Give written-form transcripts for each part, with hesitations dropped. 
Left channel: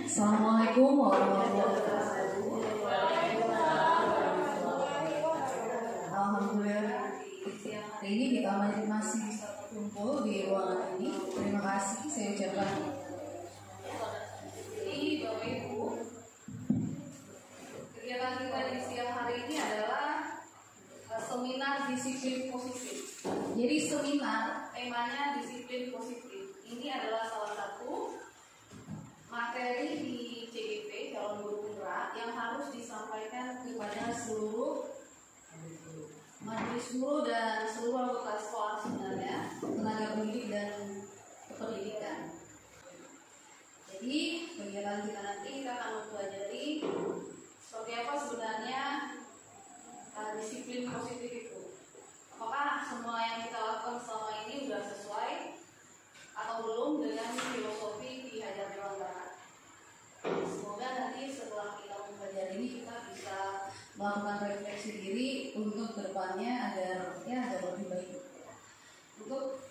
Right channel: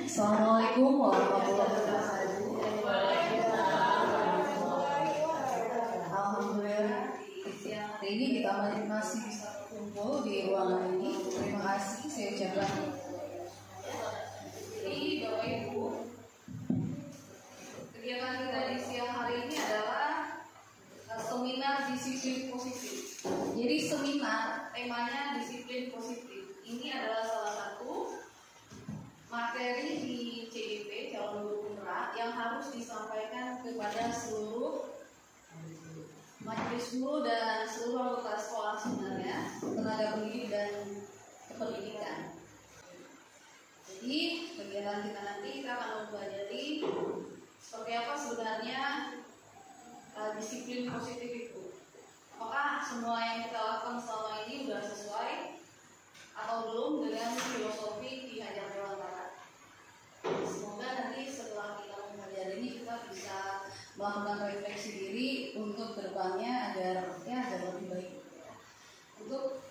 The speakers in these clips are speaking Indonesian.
Assalamualaikum warahmatullahi wabarakatuh. Alhamdulillah, ini kita masih bisa kumpul di ruangan ini. Terima kasih saya ucapkan. Jadi Bapak Ibu, kegiatan kita di siang hari ini adalah seminar disiplin positif. Jadi seminar temanya disiplin positif. Ini adalah salah satu materi di CDP calon guru putra yang harus disampaikan kepada seluruh majelis guru dan seluruh anggota sekolah sebenarnya, tenaga pendidik dan kependidikan. Jadi kegiatan kita nanti kita akan mempelajari seperti apa sebenarnya disiplin positif itu. Apakah semua yang kita lakukan selama ini sudah sesuai atau belum dengan filosofi Ki Hajar Dewantara? Semoga nanti setelah kita mempelajari ini kita bisa melakukan refleksi diri untuk kedepannya agar lebih baik. Untuk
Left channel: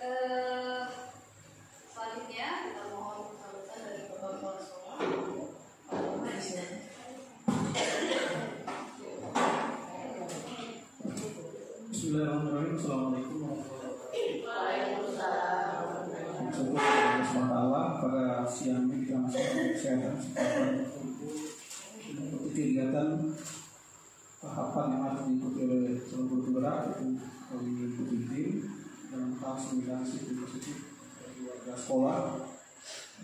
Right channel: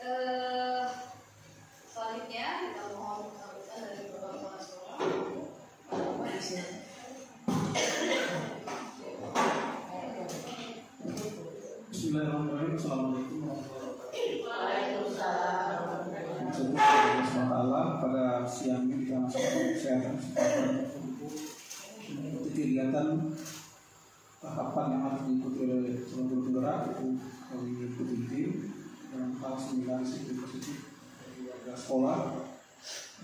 selanjutnya kita mohon sambutan dari Bapak Kepala Sekolah. Bismillahirrahmanirrahim. Assalamualaikum warahmatullahi wabarakatuh. Pada siang ini kita masih kesehatan mengikuti kegiatan tahapan yang harus diikuti oleh calon guru penggerak, itu mengikuti tim dalam hal sembilan disiplin positif dari warga sekolah.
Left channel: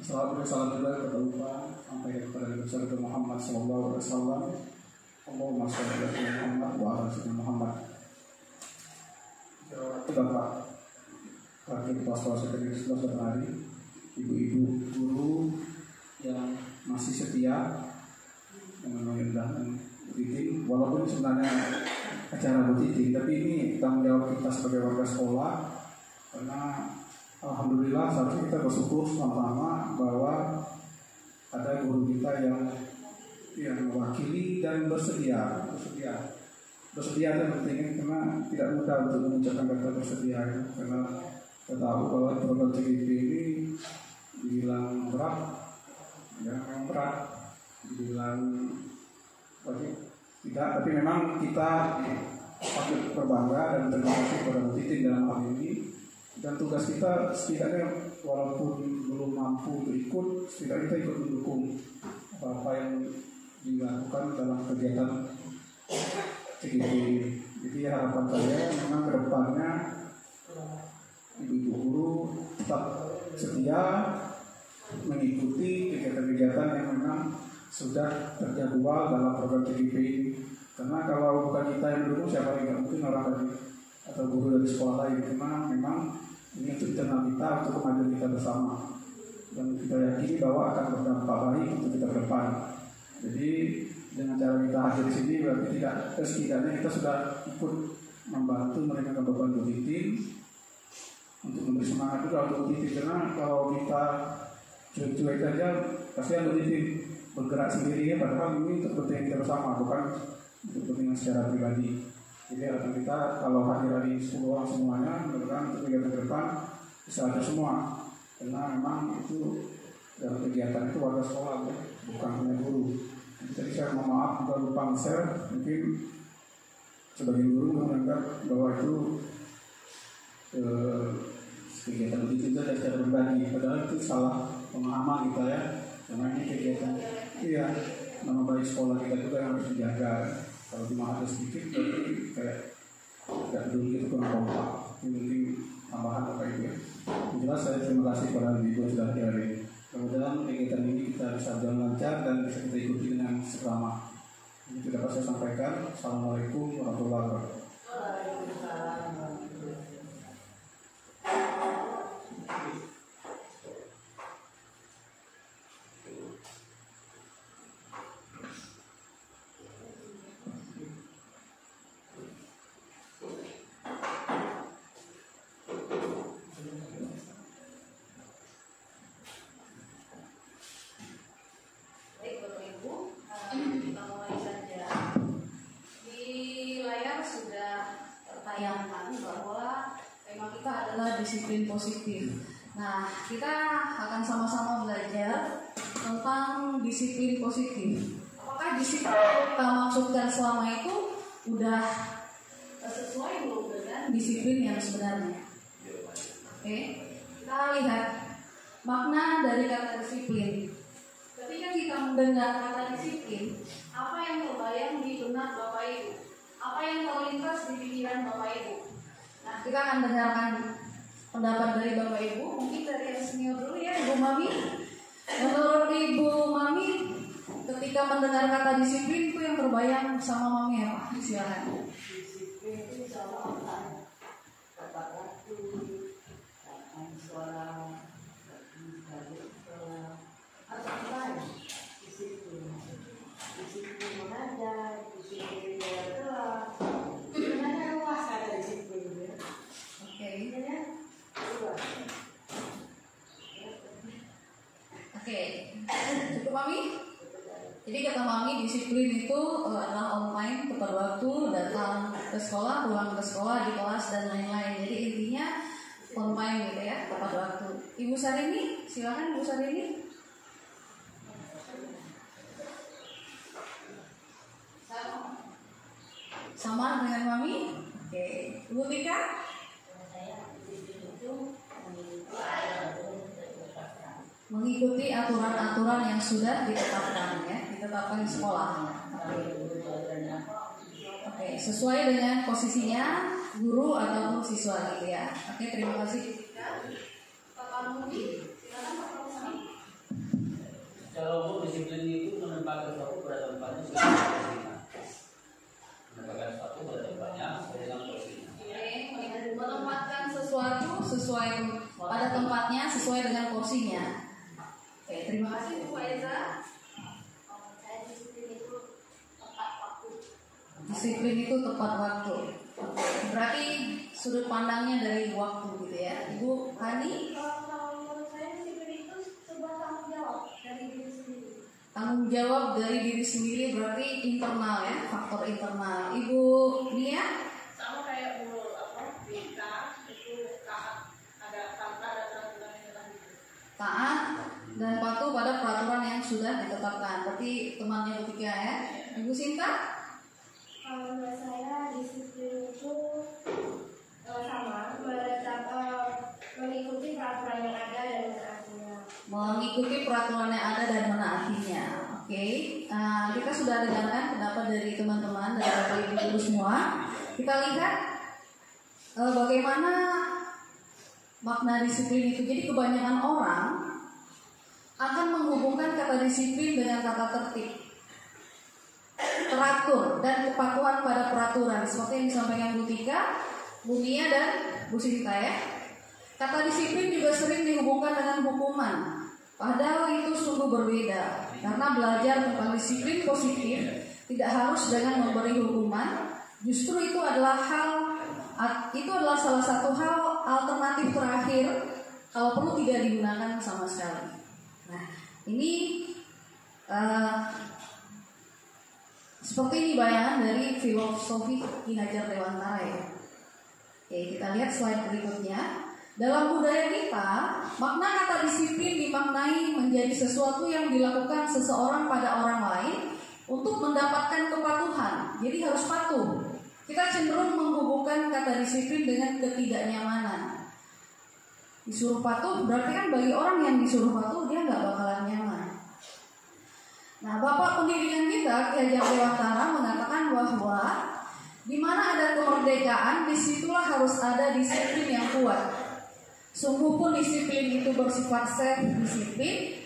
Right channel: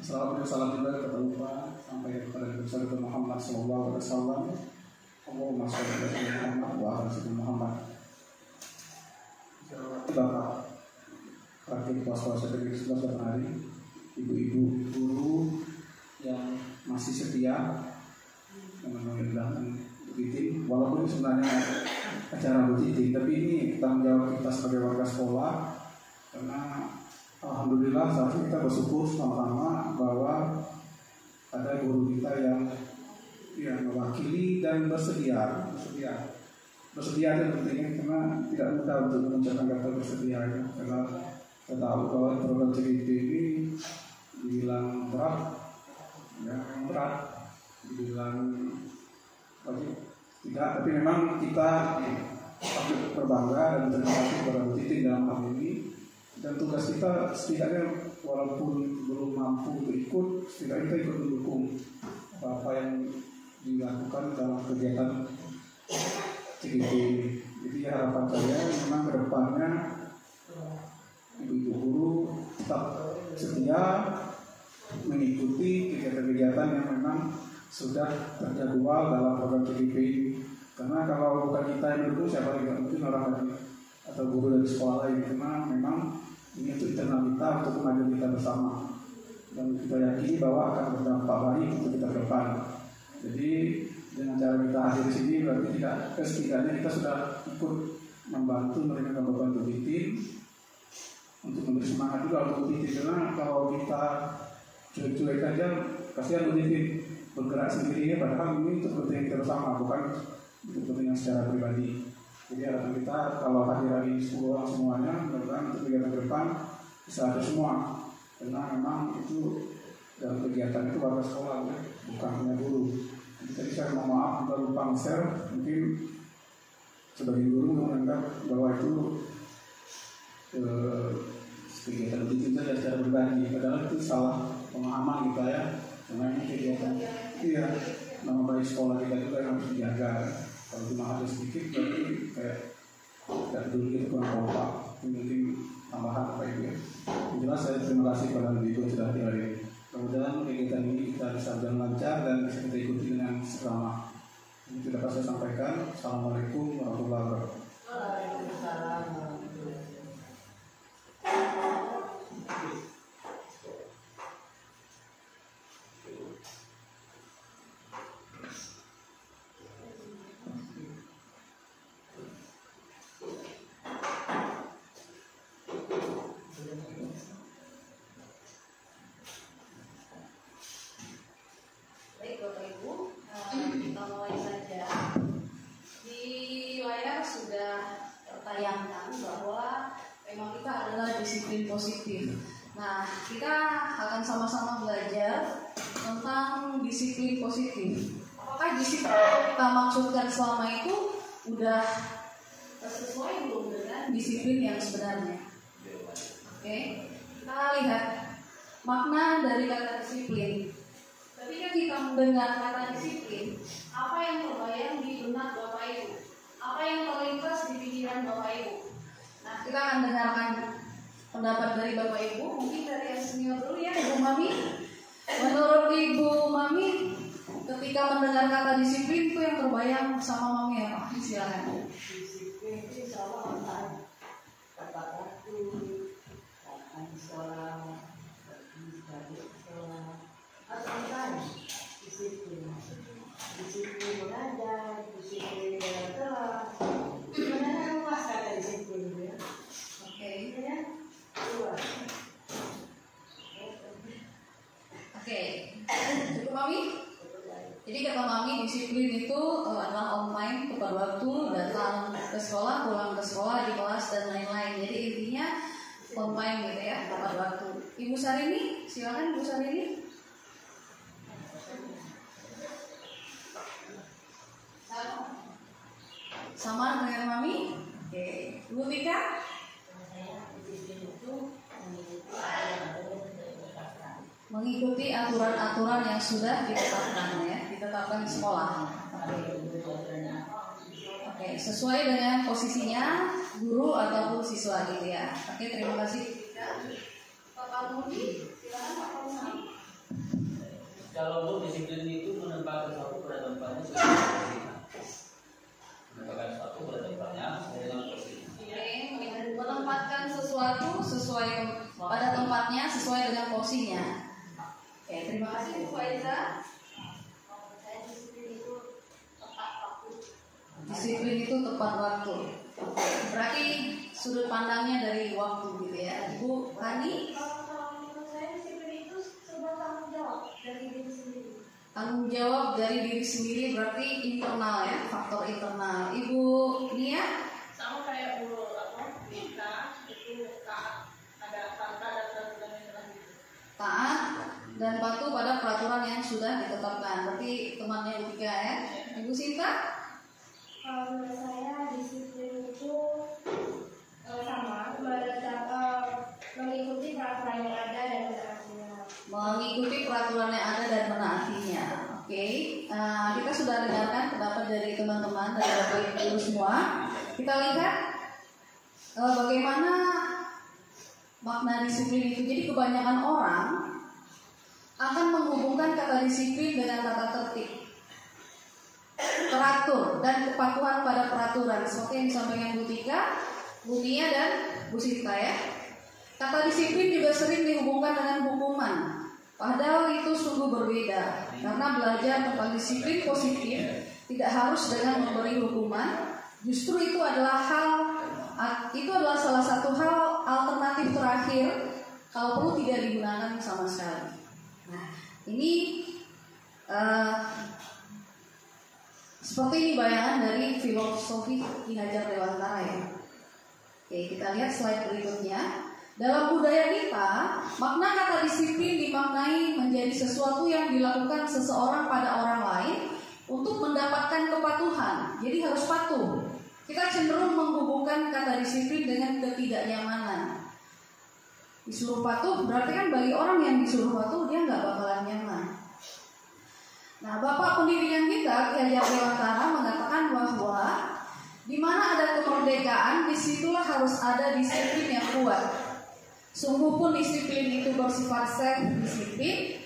Salam juga kepada lupa sampai kepada Nabi Besar Muhammad SAW. Allahumma sholli ala Muhammad wa ala Muhammad. Bapak Wakil Kepala Sekolah Sekretaris Sekolah hari, ibu-ibu guru yang masih setia memenuhi undangan butiting, walaupun sebenarnya acara butiting, tapi ini tanggung jawab kita sebagai warga sekolah, karena alhamdulillah saat ini kita bersyukur sama-sama bahwa ada guru kita yang mewakili dan bersedia dan pentingnya, karena tidak mudah untuk mengucapkan kata bersedia ya. Karena kita tahu bahwa program CDP ini dibilang berat, dibilang tidak, tapi memang kita patut berbangga dan terima kasih kepada Bu Titin dalam hal ini. Dan tugas kita setidaknya walaupun belum mampu ikut, setidaknya kita ikut mendukung apa yang dilakukan dalam kegiatan CDP. Jadi harapan saya memang ke depannya ibu-ibu guru tetap setia mengikuti kegiatan-kegiatan yang memang sudah terjadwal dalam program CDP. Karena kalau bukan kita yang mendukung, siapa yang mungkin orang lain atau guru dari sekolah lain. Karena memang ini untuk internal kita, untuk kemajuan kita bersama, dan kita yakini bahwa akan berdampak baik untuk kita ke depan. Jadi dengan cara kita hadir di sini berarti setidaknya kita sudah ikut membantu mereka beban Bu Titin untuk memberi semangat juga untuk Bu Titin. Karena kalau kita cuek-cuek aja, kasihan Bu Titin bergerak sendiri ya, padahal ini untuk kepentingan kita bersama, bukan untuk kepentingan secara pribadi. Jadi harapan kita kalau hadir hari 10 orang semuanya, mudah-mudahan untuk kegiatan ke depan bisa ada semua, karena memang itu dalam kegiatan itu warga sekolah ya, bukan hanya guru. Jadi saya mohon maaf kita lupa share, mungkin sebagai guru menganggap bahwa itu kegiatan itu juga ada cara berbagi, padahal itu salah pemahaman kita ya. Karena ini kegiatan nama baik sekolah kita juga yang harus dijaga. Kalau cuma ada sedikit berarti kayak tidak peduli itu kurang kompak. Mungkin tambahan apa itu ya. Yang jelas saya terima kasih kepada ibu yang sudah hadir. Mudah-mudahan kegiatan ini kita bisa berjalan lancar dan bisa kita ikuti dengan seksama. Ini sudah saya sampaikan. Assalamualaikum warahmatullahi wabarakatuh. Baik Bapak Ibu, kita mulai saja. Di layar sudah tertayangkan bahwa tema kita adalah disiplin positif. Nah, kita akan sama-sama belajar tentang disiplin positif. Apakah disiplin yang kita maksudkan selama itu udah sesuai belum dengan disiplin yang sebenarnya? Oke, kita lihat makna dari kata disiplin. Ketika kita mendengar kata disiplin, apa yang terbayang di benak Bapak Ibu? Apa yang terlintas di pikiran Bapak Ibu? Nah, kita akan dengarkan pendapat dari Bapak Ibu. Mungkin dari yang senior dulu ya, Ibu Mami. Menurut Ibu Mami, ketika mendengar kata disiplin itu yang terbayang sama Mami apa? Silakan. Disiplin itu sama online, tepat waktu, datang sekolah, pergi sekolah, atau apa? Disiplin, disiplin mengajar, disiplin bayar kelas. Sebenarnya luas kata disiplin ya. Oke. Ya, luas. Oke. Cukup Mami? Jadi kata Mami, disiplin itu adalah on time, tepat waktu, datang ke sekolah, pulang ke sekolah, di kelas dan lain-lain. Jadi intinya on time gitu ya, tepat waktu. Ibu Sarini, silakan Ibu Sarini. Sama dengan Mami? Oke. Ibu Tika? Mengikuti aturan-aturan yang sudah ditetapkan ya, ditetapkan sekolah. Oke, sesuai dengan posisinya guru ataupun siswa gitu ya. Oke, terima kasih. Bapak Mudi, silakan Bapak Mudi. Kalau Bu, disiplin itu menempatkan sesuatu pada tempatnya sesuai dengan posisinya. Menempatkan sesuatu pada tempatnya sesuai dengan posisinya. Menempatkan sesuatu sesuai pada tempatnya sesuai dengan porsinya. Oke, terima kasih Bu Aiza. Disiplin itu tepat waktu. Berarti sudut pandangnya dari waktu gitu ya. Ibu Hani? Tanggung jawab dari diri sendiri berarti internal ya, faktor internal. Ibu Nia? Sama kayak Bu kita itu taat, ada kata dan peraturan yang telah Taat dan patuh pada peraturan yang sudah ditetapkan. Berarti temannya Bu Tika ya. Ibu Sinta? Kalau menurut saya disiplin itu sama mengikuti peraturan yang ada dan menaatinya. Mengikuti peraturan yang ada dan menaatinya. Oke, kita sudah dengarkan pendapat dari teman-teman dari Bapak Ibu guru semua. Kita lihat bagaimana makna disiplin itu. Jadi kebanyakan orang akan menghubungkan kata disiplin dengan kata tertib, teratur dan kepatuhan pada peraturan seperti yang disampaikan Bu Tika, Bu Nia dan Bu Sinta ya. Kata disiplin juga sering dihubungkan dengan hukuman, padahal itu sungguh berbeda. Karena belajar tentang disiplin positif tidak harus dengan memberi hukuman, justru itu adalah salah satu hal alternatif terakhir kalau perlu tidak digunakan sama sekali. Nah, ini seperti ini bayangan dari filosofi Ki Hajar Dewantara ya. Oke, kita lihat slide berikutnya. Dalam budaya kita, makna kata disiplin dimaknai menjadi sesuatu yang dilakukan seseorang pada orang lain untuk mendapatkan kepatuhan. Jadi harus patuh. Kita cenderung menghubungkan kata disiplin dengan ketidaknyamanan. Disuruh patuh berarti kan bagi orang yang disuruh patuh dia nggak bakalan nyaman. Nah, Bapak pendidikan kita Ki Hajar Dewantara mengatakan bahwa di mana ada kemerdekaan, disitulah harus ada disiplin yang kuat. Sungguh pun disiplin itu bersifat self-disiplin,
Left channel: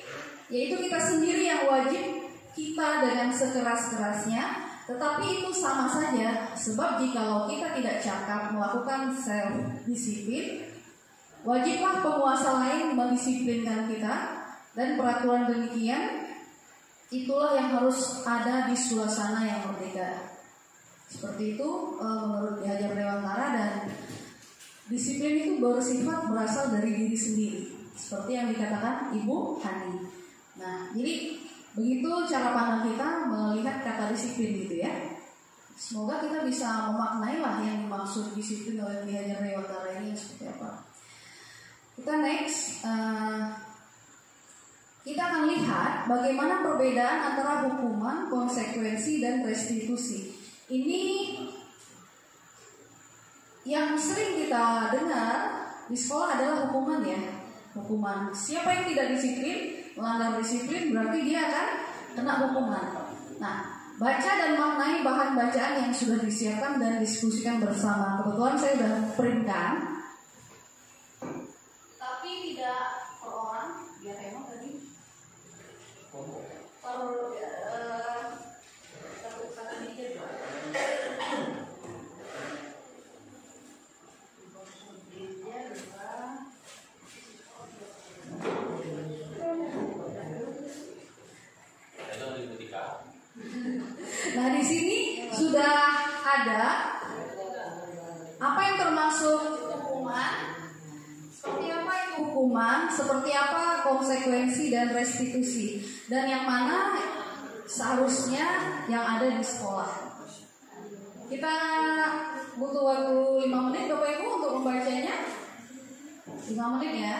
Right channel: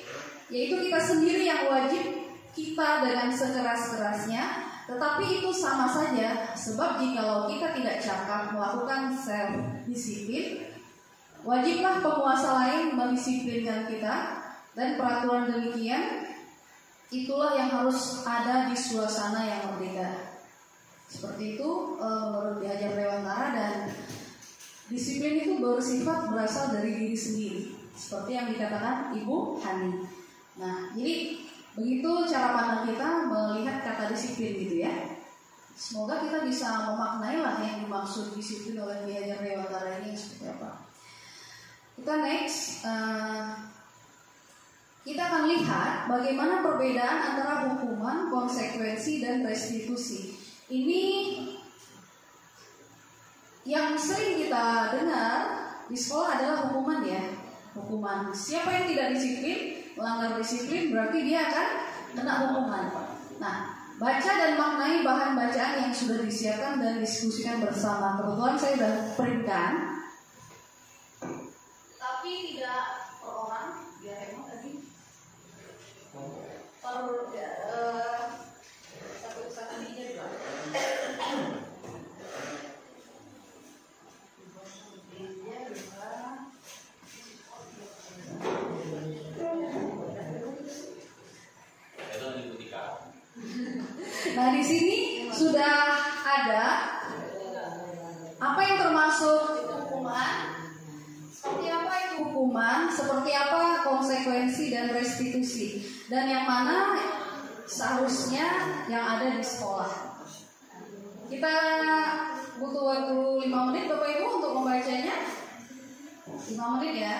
yaitu kita sendiri yang wajib kita dengan sekeras-kerasnya, tetapi itu sama saja, sebab jikalau kita tidak cakap melakukan self-disiplin, wajiblah penguasa lain mendisiplinkan kita, dan peraturan demikian itulah yang harus ada di suasana yang berbeda. Seperti itu menurut Ki Hajar Dewantara, dan disiplin itu bersifat berasal dari diri sendiri, seperti yang dikatakan Ibu Hani. Nah, jadi begitu cara pandang kita melihat kata disiplin gitu ya. Semoga kita bisa memaknai lah yang dimaksud disiplin oleh Ki Hajar Dewantara ini seperti apa. Kita next. Ki kita akan lihat bagaimana perbedaan antara hukuman, konsekuensi, dan restitusi. Ini yang sering kita dengar di sekolah adalah hukuman ya. Hukuman. Siapa yang tidak disiplin, melanggar disiplin, berarti dia akan kena hukuman. Nah, baca dan maknai bahan bacaan yang sudah disiapkan dan diskusikan bersama. Kebetulan saya sudah printkan. Tapi tidak per orang, biar emang tadi per satu meja juga. Nah, di sini sudah ada apa yang termasuk hukuman, seperti apa itu hukuman, seperti apa konsekuensi dan restitusi, dan yang mana seharusnya yang ada di sekolah. Kita butuh waktu 5 menit Bapak Ibu untuk membacanya. 5 menit ya.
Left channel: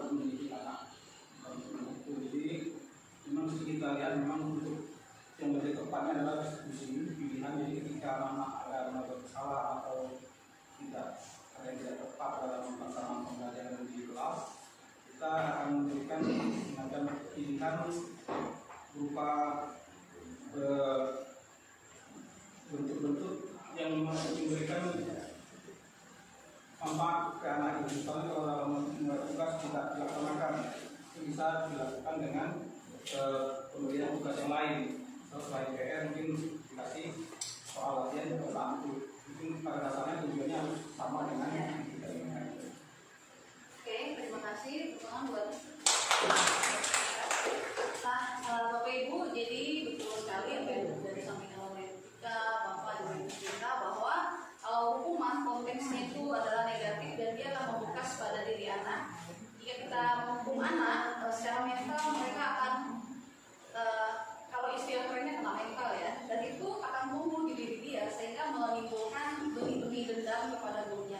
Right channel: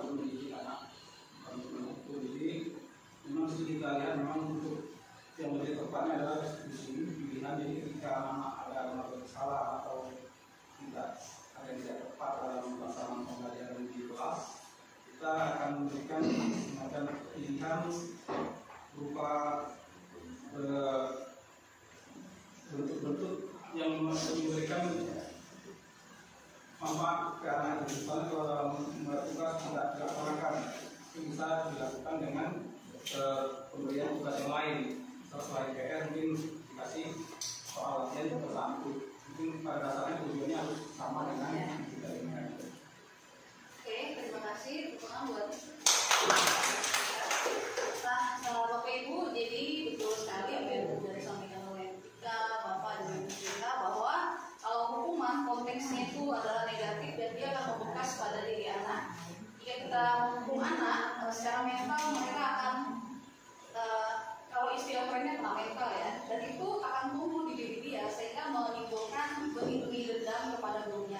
untuk mendidik anak itu. Jadi memang studi kalian memang untuk yang lebih tepatnya adalah di sini pilihan. Jadi ketika anak ada yang bersalah atau tidak ada yang tidak tepat dalam pelaksanaan pembelajaran di kelas, kita akan memberikan semacam pilihan berupa bentuk-bentuk yang memberikan manfaat ke anak itu. Misalnya kalau dalam membuat tugas tidak dilaksanakan, itu bisa dilakukan dengan pemberian tugas yang lain. Selain PR mungkin dikasih soal latihan atau satu. Mungkin pada dasarnya tujuannya harus sama dengan yang kita inginkan. Oke, terima kasih dukungan buat Bapak Ibu. Jadi betul sekali apa yang sudah disampaikan oleh kita, Bapak dan Ibu kita, bahwa kalau hukuman konteksnya itu adalah negatif dan dia akan membekas pada diri anak. Jika kita menghukum anak secara mental, mereka akan kalau istilah kerennya kena mental ya, dan itu akan tumbuh di diri dia sehingga menimbulkan benih-benih dendam kepada gurunya.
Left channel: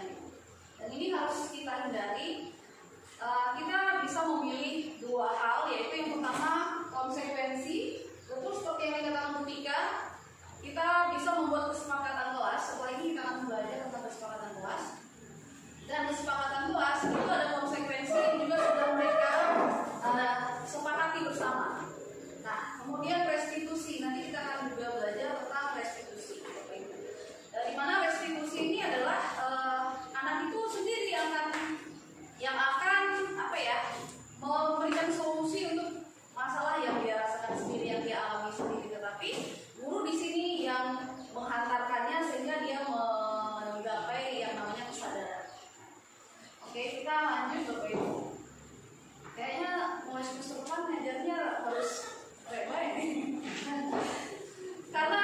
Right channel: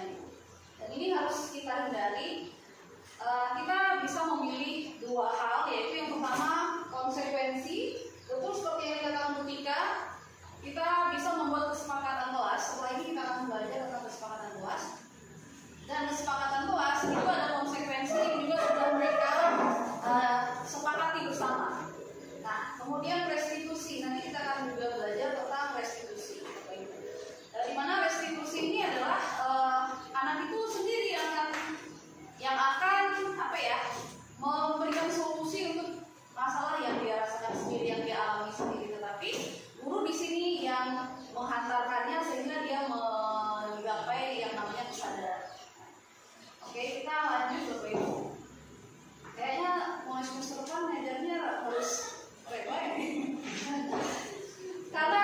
Dan ini harus kita hindari. Kita bisa memilih dua hal, yaitu yang pertama konsekuensi. Betul seperti yang dikatakan Bu Tika, kita bisa membuat kesepakatan kelas. Setelah ini kita akan belajar tentang kesepakatan kelas. Dan kesepakatan kelas itu ada konsekuensi yang juga sudah mereka sepakati bersama. Nah, kemudian restitusi. Nanti kita akan juga belajar tentang restitusi. Di mana restitusi ini adalah anak itu sendiri yang akan memberikan solusi untuk masalah yang dia rasakan sendiri, yang dia alami sendiri. Tetapi guru di sini yang menghantarkannya sehingga dia menggapai yang namanya kesadaran. Oke, kita lanjut Bapak Ibu. Kayaknya mulai semester depan ngajarnya harus baik-baik. Karena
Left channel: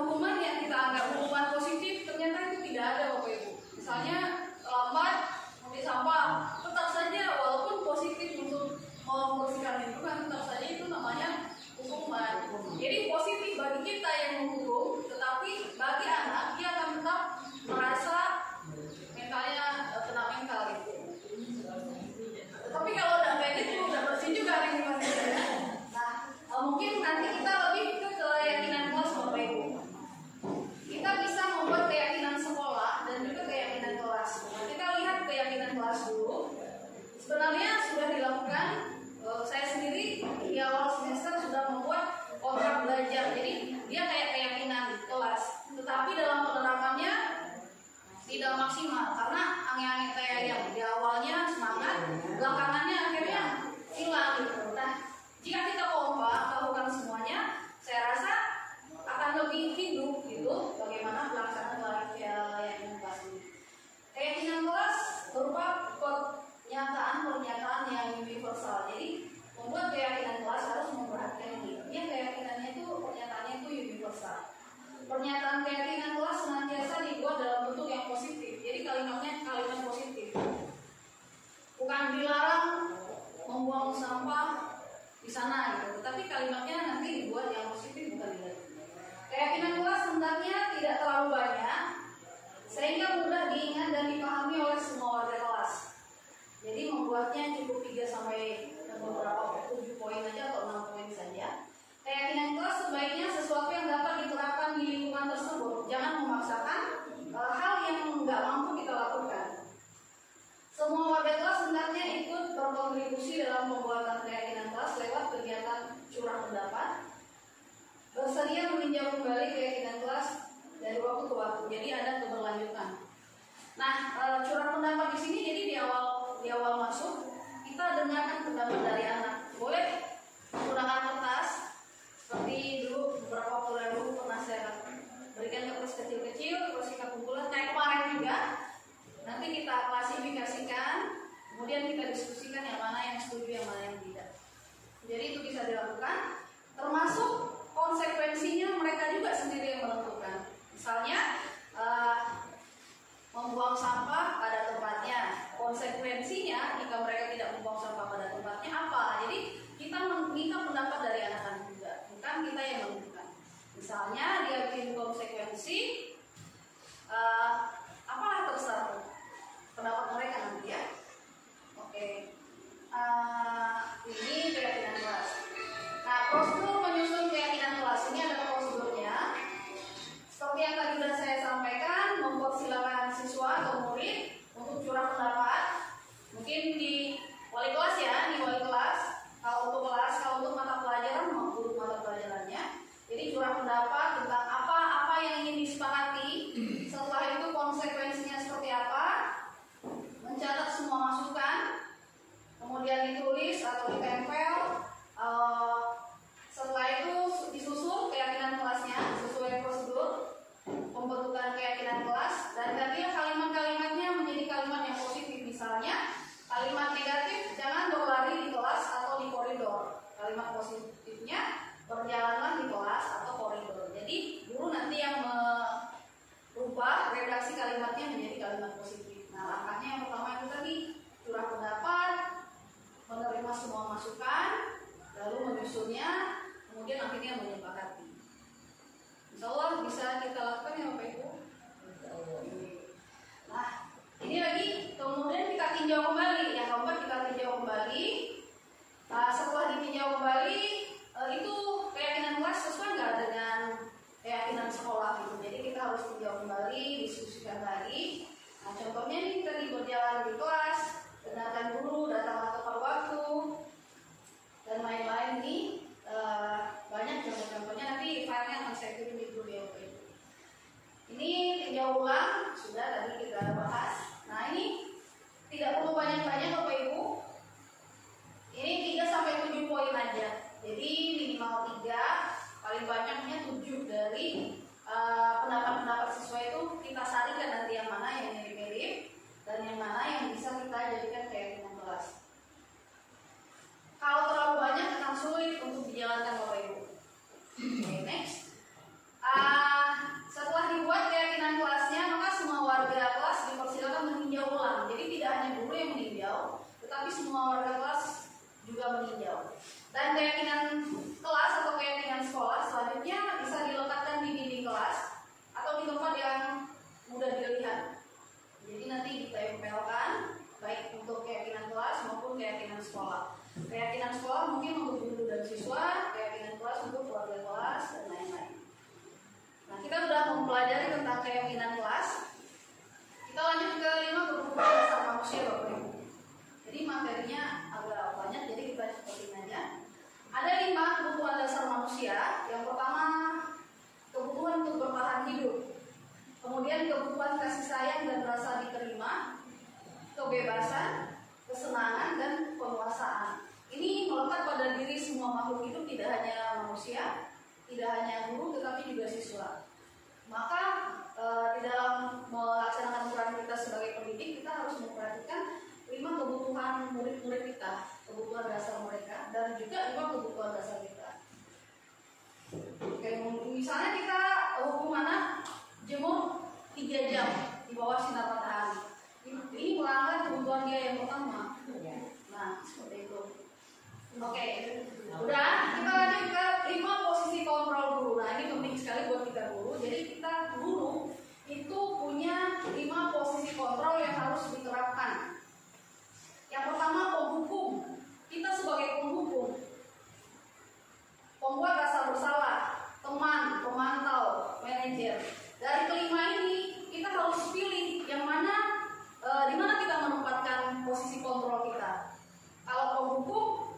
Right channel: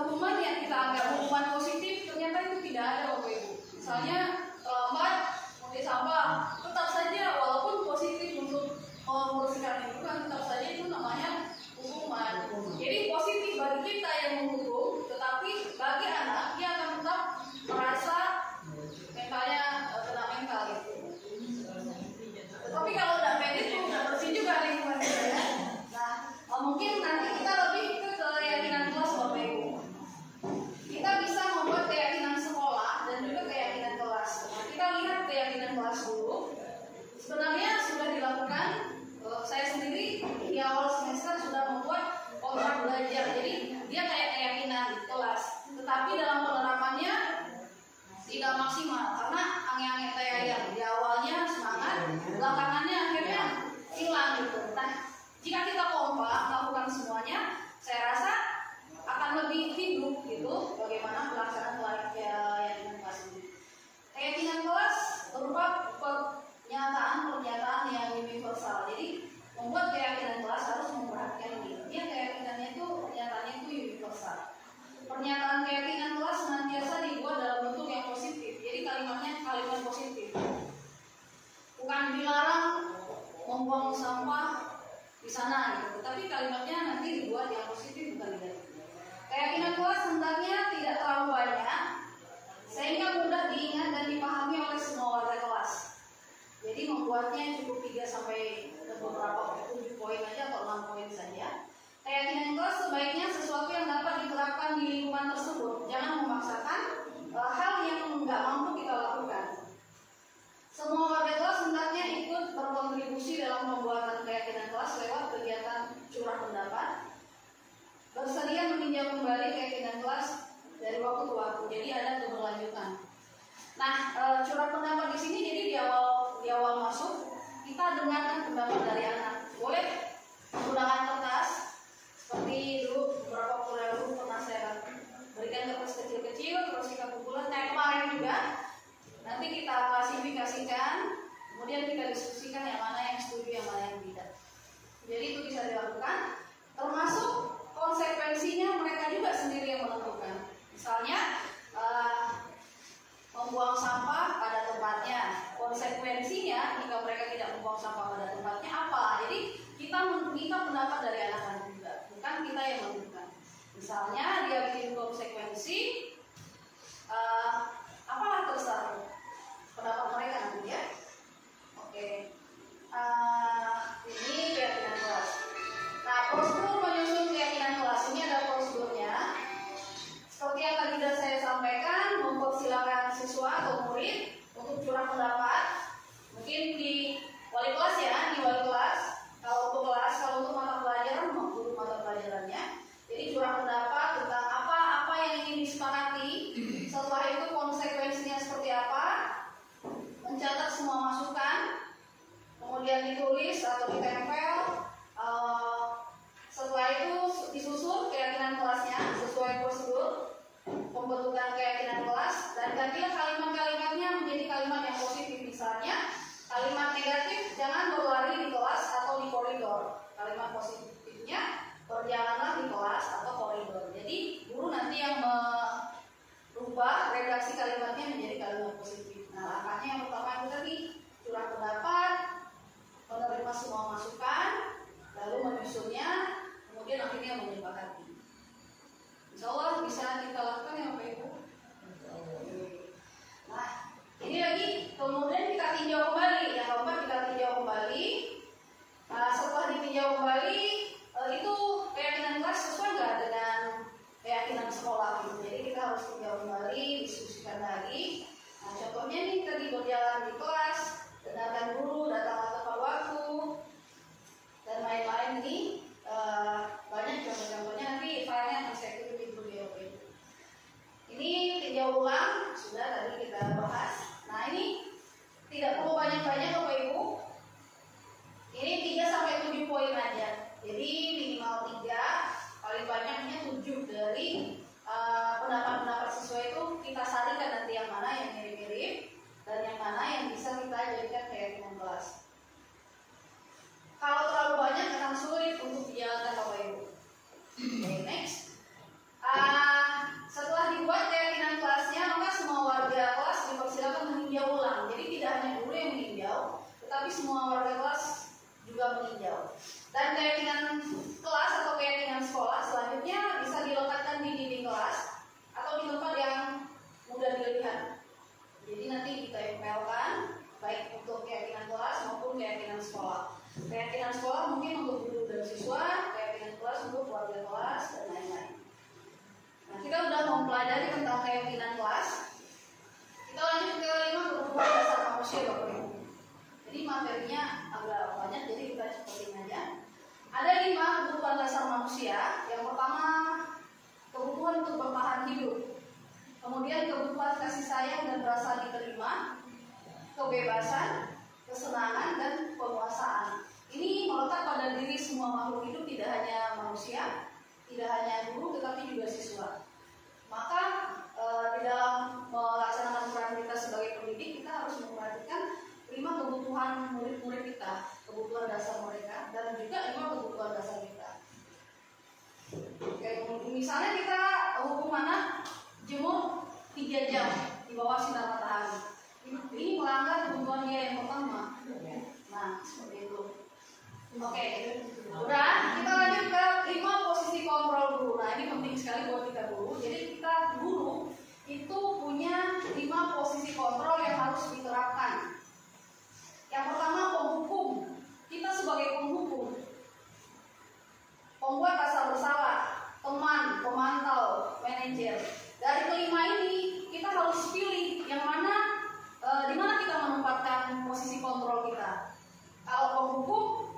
hukuman yang kita anggap hukuman positif ternyata itu tidak ada Bapak Ibu. Misalnya terlambat membeli sampah, tetap saja walaupun positif untuk membersihkan lingkungan, tetap saja itu namanya hukuman. Jadi positif bagi kita yang menghukum, tetapi bagi anak dia akan tetap merasa mentalnya kena mental gitu. Tetapi kalau udah kayak gitu, udah bersih juga lingkungan kita ya. Nah, mungkin nanti kita lebih ke keyakinan kelas Bapak Ibu. Kita bisa membuat keyakinan sekolah dan juga keyakinan kelas. Nah, kita lihat keyakinan kelas dulu. Sebenarnya sudah dilakukan. Saya sendiri di awal semester sudah membuat kontrak belajar. Jadi dia kayak keyakinan kelas. Tetapi dalam penerapannya tidak maksimal karena angin-angin kayak yang di awalnya semangat, belakangannya akhirnya hilang gitu. Nah, jika kita kompak melakukan semuanya, saya rasa akan lebih hidup gitu bagaimana pelaksanaan keyakinan kelas ini. Keyakinan kelas berupa pernyataan yang universal. Jadi membuat keyakinan kelas harus memperhatikan ini. Dia keyakinannya itu pernyataannya itu universal. Pernyataan keyakinan kelas senantiasa dibuat dalam bentuk yang positif. Jadi kalimatnya kalimat positif. Bukan dilarang membuang sampah di sana gitu. Tapi kalimatnya nanti dibuat yang positif, bukan negatif. Keyakinan kelas hendaknya tidak terlalu banyak sehingga mudah diingat dan dipahami oleh semua warga kelas. Jadi membuatnya cukup 3 sampai beberapa 7 poin aja atau 6 poin saja. Keyakinan kelas sebaiknya sesuatu yang dapat diterapkan di lingkungan tersebut. Jangan memaksakan hal yang nggak mampu kita lakukan. Semua warga kelas hendaknya ikut berkontribusi dalam pembuatan keyakinan kelas lewat kegiatan curah pendapat. Bersedia meninjau kembali keyakinan kelas dari waktu ke waktu. Jadi ada keberlanjutan. Nah, curah pendapat di sini jadi di awal masuk kita dengarkan pendapat dari anak. Boleh menggunakan kertas seperti dulu beberapa kuliah dulu pernah saya berikan kertas kecil-kecil terus kita kumpulan kayak kemarin juga. Nanti kita klasifikasikan, kemudian kita diskusikan yang mana yang setuju, yang mana yang tidak. Jadi itu bisa dilakukan, termasuk konsekuensinya mereka juga sendiri yang menentukan. Misalnya membuang sampah pada tempatnya. Konsekuensinya jika mereka tidak membuang sampah pada tempatnya apa? Jadi kita meminta pendapat dari anak-anak juga, bukan kita yang menentukan. Misalnya dia bikin konsekuensi, apalah terserah pendapat mereka nanti ya. Oke. prosedur menyusun keyakinan kelas ini ada prosedurnya. Seperti yang tadi sudah saya sampaikan, mempersilakan siswa atau murid untuk curah pendapat. Mungkin di wali kelas ya, di wali kelas. Kalau untuk mata pelajaran, guru mata pelajarannya. Jadi curah pendapat tentang apa yang ingin disepakati. Setelah itu konsekuensinya seperti apa. Mencatat semua masukan. Kemudian ditulis atau ditempel. Setelah itu disusun keyakinan kelasnya sesuai prosedur pembentukan keyakinan kelas, dan gantilah kalimat-kalimatnya menjadi kalimat yang positif. Misalnya kalimat negatif, jangan berlari di kelas atau di koridor. Kalimat positifnya, berjalanlah di kelas atau koridor. Jadi guru nanti yang merubah redaksi kalimatnya menjadi kalimat positif. Nah, langkahnya yang pertama itu tadi, curah pendapat, menerima semua masukan, lalu menyusunnya, kemudian akhirnya menyepakati. Insya Allah bisa kita lakukan ya Bapak Ibu. Nah, ini lagi kemudian kita tinjau kembali. Yang keempat kita tinjau kembali. Setelah ditinjau kembali, itu keyakinan kelas sesuai nggak dengan keyakinan sekolah gitu. Jadi kita harus tinjau kembali, diskusikan lagi. Nah, contohnya nih tadi berjalan di kelas, dengarkan guru, datanglah tepat waktu, dan lain-lain nih. Banyak contoh-contohnya, nanti filenya akan saya kirim di grup ya. Ini tinjau ulang, sudah tadi kita bahas. Nah, ini tidak perlu banyak-banyak Bapak Ibu. Ini 3-7 poin aja. Jadi minimal 3, paling banyaknya 7 dari pendapat-pendapat siswa itu kita saringkan nanti yang mana yang mirip-mirip dan yang mana yang bisa kita jadikan keyakinan kelas. Kalau terlalu banyak akan sulit untuk dijalankan Bapak Ibu. Oke, next. Setelah dibuat keyakinan kelasnya, maka semua warga kelas dipersilakan meninjau ulang. Jadi tidak hanya guru yang meninjau, tetapi semua warga kelas juga meninjau. Dan keyakinan kelas atau keyakinan sekolah selanjutnya bisa diletakkan di dinding kelas atau di tempat yang mudah dilihat. Jadi nanti ditempelkan baik untuk keyakinan kelas maupun keyakinan sekolah. Keyakinan sekolah mungkin untuk guru dan siswa, keyakinan kelas untuk warga kelas, dan lain-lain. Nah, kita sudah mempelajari tentang keyakinan kelas. Kita lanjut ke 5 kebutuhan dasar manusia Bapak Ibu. Jadi materinya agak banyak, jadi kita cepetin aja. Ada 5 kebutuhan dasar manusia. Yang pertama, kebutuhan untuk bertahan hidup. Kemudian kebutuhan kasih sayang dan rasa diterima, kebebasan, kesenangan, dan penguasaan. Ini melekat pada diri semua makhluk hidup, tidak hanya manusia, tidak hanya guru, tetapi juga siswa. Maka di dalam melaksanakan peran kita sebagai pendidik, kita harus memperhatikan 5 kebutuhan murid-murid kita, kebutuhan dasar mereka, dan juga 5 kebutuhan dasar kita. Kayak misalnya kita hukum anak jemur 3 jam di bawah sinar matahari. Ini melanggar kebutuhan dia yang pertama. Nah, seperti itu. Oke, udah. Kita lanjut ke 5 posisi kontrol guru. Nah, ini penting sekali buat kita guru. Jadi kita guru itu punya 5 posisi kontrol yang harus diterapkan. Yang pertama, penghukum. Kita sebagai penghukum, pembuat rasa bersalah, teman, pemantau, manajer. Dari kelima ini kita harus pilih yang mana, di mana kita menempatkan posisi kontrol kita. Kalau penghukum,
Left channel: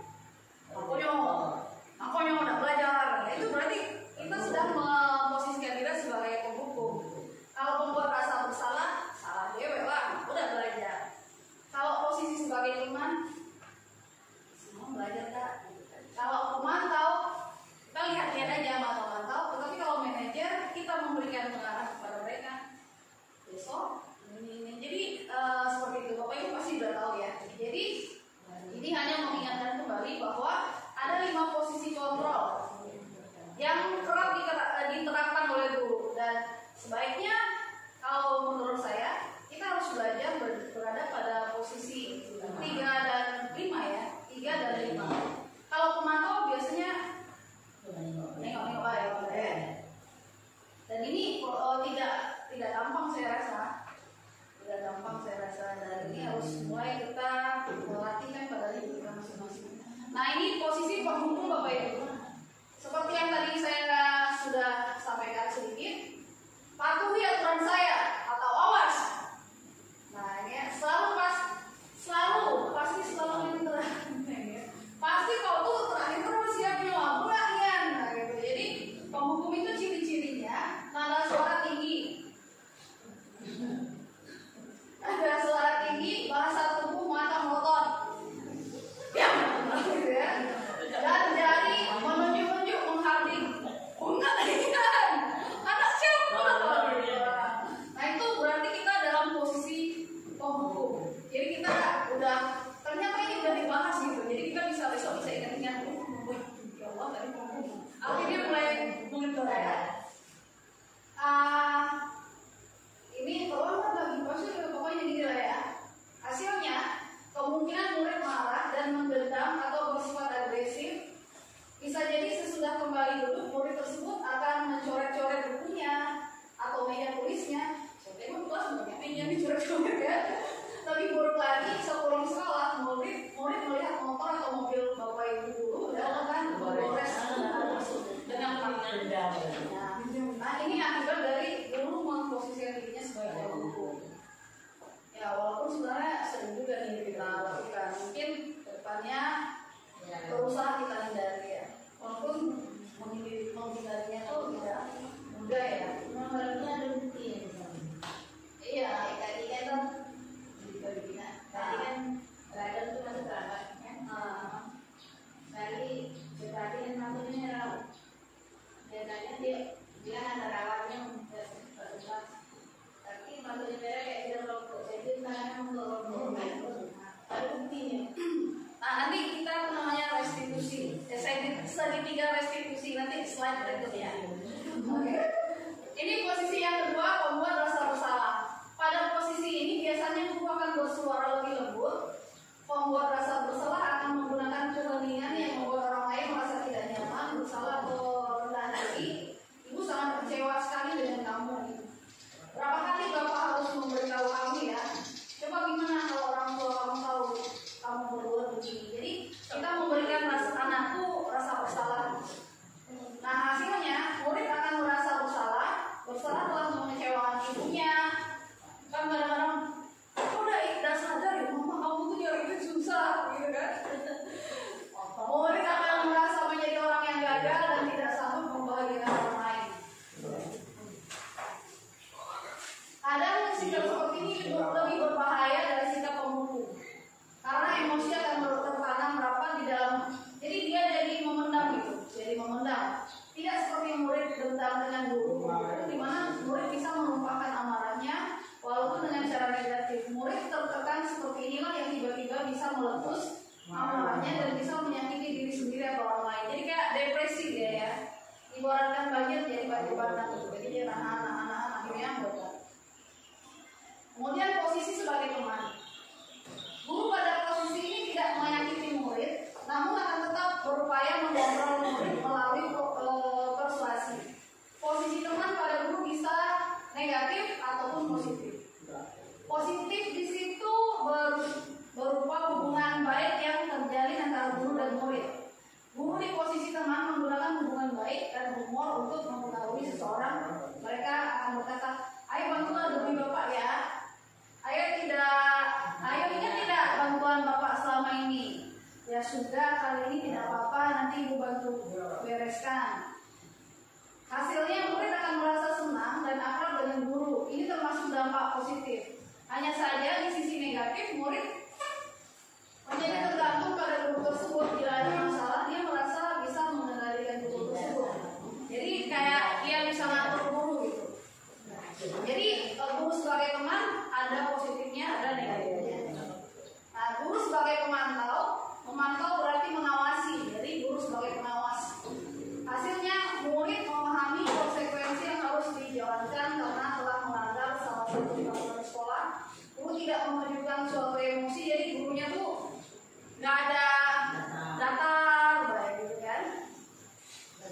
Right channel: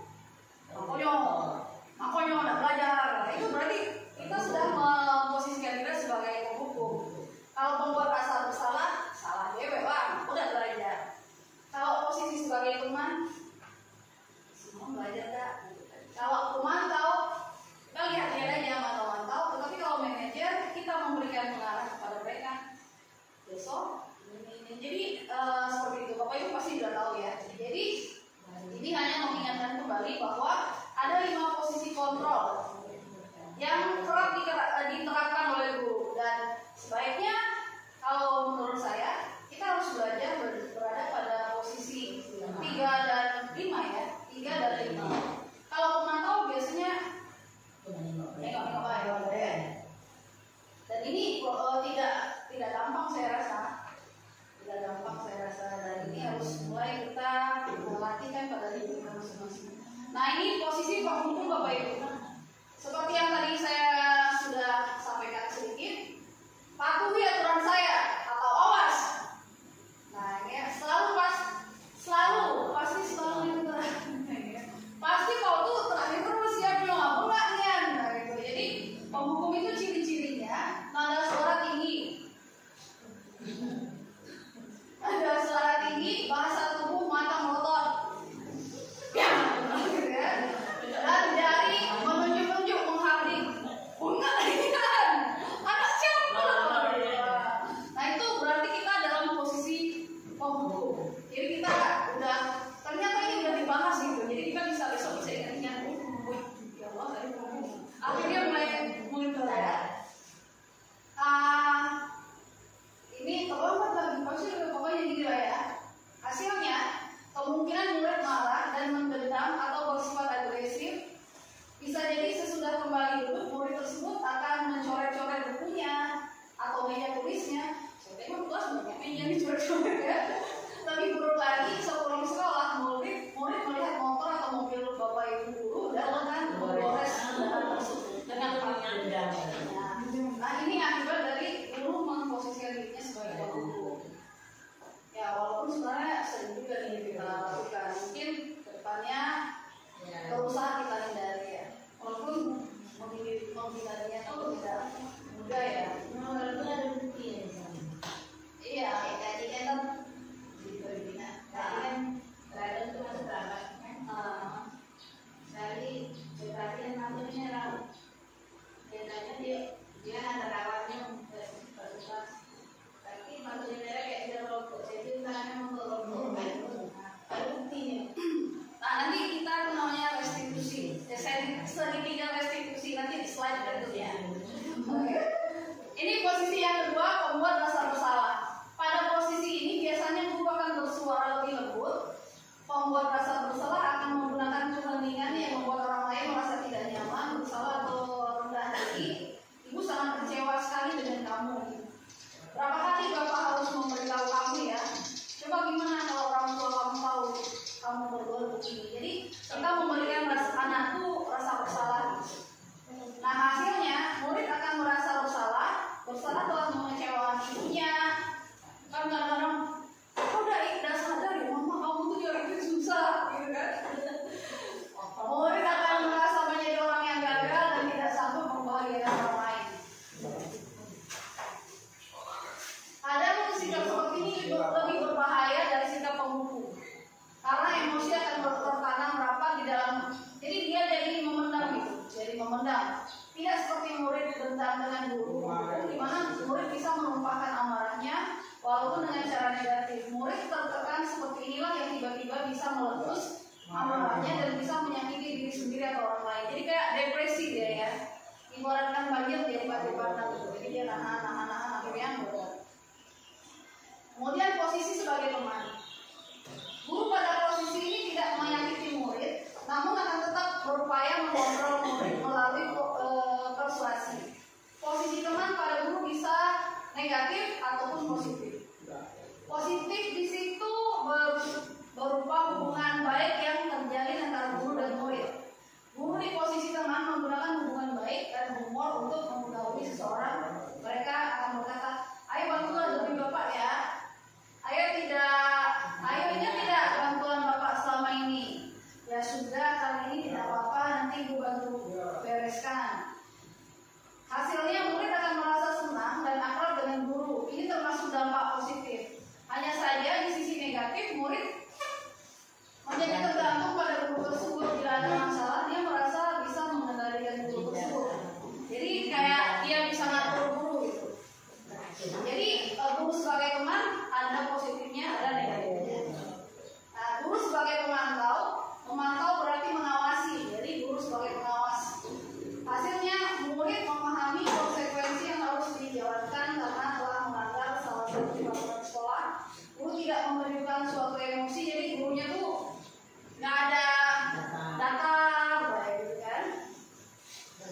makanya udah belajar. Nah, itu berarti kita sudah memposisikan diri sebagai penghukum. Kalau pembuat rasa bersalah, salah dewe bang, udah belajar. Kalau posisi sebagai teman, semua belajar kak. Kalau pemantau, kita lihat-lihat aja mantau-mantau. Tetapi kalau manajer, kita memberikan pengarah kepada mereka. Besok ini. Jadi seperti itu. Bapak Ibu pasti sudah tahu ya. Jadi ini hanya mengingatkan kembali bahwa ada 5 posisi kontrol yang kerap diterapkan oleh guru, dan sebaiknya kalau menurut saya kita harus belajar berada pada posisi 3 dan 5 ya, 3 dan 5. Kalau pemantau biasanya nengok-nengok ya. Dan ini tidak gampang saya rasa. Tidak gampang saya rasa, dan ini harus mulai kita melatihkan pada diri kita masing-masing. Nah, ini posisi penghukum Bapak Ibu. Akhirnya mulai mengendur ya. Ini kalau bagi maksudnya pokoknya gini lah ya. Hasilnya kemungkinan murid marah dan menggentam atau bersifat agresif. Bisa jadi sesudah kembali duduk murid tersebut akan mencoret-coret bukunya atau meja tulisnya. Emang kelas banyak meja dicoret-coret ya. Tapi buruk lagi sepulang sekolah murid melihat motor atau mobil bapak ibu guru dalam kan menggores dengan tangan. Nah ini akibat dari guru memposisikan dirinya sebagai guru. Ya walaupun sebenarnya sering juga nih kita lakukan, mungkin depannya berusaha kita hindari ya. Walaupun menghindarinya tuh tidak mudah ya. Nomor itu ada bukti. Iya, tadi kan tadi kan Rider itu masuk berangkat. Tadi kan maksudnya biasanya dia ada rawatnya berubah. Tapi maksudnya kayak dia robot, jadi tangannya melorot. Ada buktinya. Nah nanti kita namanya restitusi, segitiga restitusi nanti di slide berikutnya. Oke. Ini posisi yang kedua, pembuat rasa bersalah. Pada posisi ini biasanya guru akan bersuara lebih lembut. Pembuat rasa bersalah akan menggunakan keheningan yang membuat orang lain merasa tidak nyaman, bersalah atau rendah hati. Ibu sangat kecewa sekali dengan kamu. Berapa kali Bapak harus memberitahu kamu ya? Coba gimana kalau orang tua kamu tahu kamu berbuat begini? Jadi kita memberikan anakku rasa bersalah. Nah hasilnya murid akan merasa bersalah telah mengecewakan ibunya. Kan kadang-kadang udah sadar ya mama kamu tuh nyari itu susah gitu kan. Murid akan merasa menjadi orang yang gagal dan tidak sanggup membahagiakan orang lain. Kadang sikap seperti ini lebih berbahaya dari sikap pemukul, karena emosi akan tertanam rapat di dalam. Jadi dia jadi memendam gitu, tidak seperti murid dendam dengan guru, di mana murid bisa menumpahkan amarahnya walaupun dengan cara negatif. Murid tertekan seperti inilah yang tiba-tiba bisa meletus amarahnya dan bisa menyakiti diri sendiri atau orang lain. Jadi kayak depresi dia ya, ibaratkan banjir jadi banjir bandang gitu. Jadi dia anak-anak akhirnya bodoh. Kemudian posisi sebagai teman. Guru pada posisi ini tidak menyakiti murid, namun akan tetap berupaya mengontrol murid melalui persuasi. Posisi teman pada guru bisa negatif ataupun positif. Positif di situ berupa hubungan baik yang terjalin antara guru dan murid. Guru di posisi teman menggunakan hubungan baik dan humor untuk mengetahui seseorang. Mereka akan berkata, ayo bantulah lebih bapak ya. Ayo ingat tidak bantuan bapak selama ini. Ya sudah, kali ini tidak apa-apa, nanti ibu bantu bereskan. Hasilnya murid akan merasa senang dan akrab dengan guru. Ini termasuk dampak positif. Hanya saja di sisi negatif, murid menjadi tergantung pada guru tersebut. Bila ada masalah, dia merasa bisa mengendalikan guru tersebut. Jadi kayak dia bisa ngatur guru gitu. Jadi guru sebagai teman ada positifnya, ada negatifnya. Nah, guru sebagai memantau berarti mengawasi. Jadi guru sebagai pengawas. Hasilnya murid memahami konsekuensi yang harus dijalankan karena telah melanggar salah satu peraturan sekolah. Guru tidak menunjukkan suatu emosi, jadi gurunya tuh nggak ada datar, kayak gitu kan.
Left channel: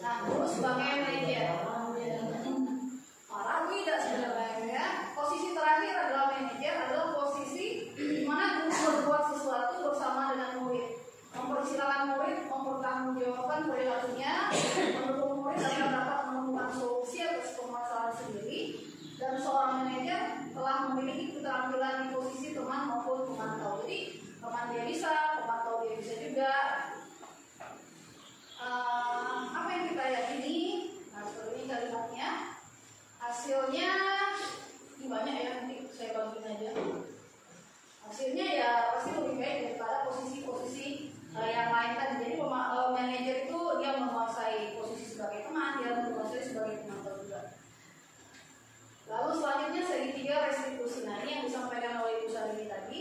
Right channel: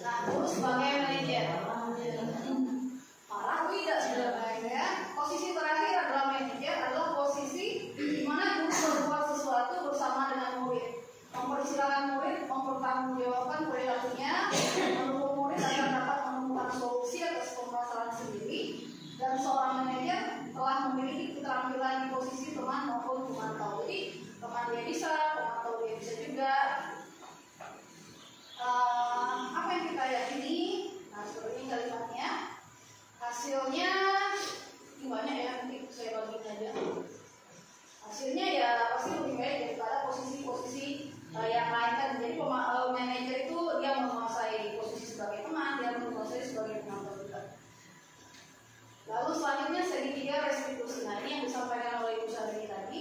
Nah, guru sebagai manajer. Malah tidak sebenarnya ya. Posisi terakhir adalah manajer, adalah posisi di mana guru berbuat sesuatu bersama dengan murid. Mempersilahkan murid mempertanggungjawabkan perilakunya, mendukung murid agar dapat menemukan solusi atas permasalahan sendiri, dan seorang manajer telah memiliki keterampilan di posisi teman maupun pemantau. Jadi teman dia bisa, pemantau dia bisa juga. Apa yang kita yakini? Nah, seperti ini kalimatnya. Hasilnya ini banyak ya, nanti saya bagiin aja. Hasilnya ya pasti lebih baik daripada posisi-posisi yang lain kan. Jadi manajer itu dia menguasai posisi sebagai teman, dia menguasai sebagai penonton juga. Lalu selanjutnya segitiga restitusi. Nah ini yang disampaikan oleh Ibu Syahrini tadi.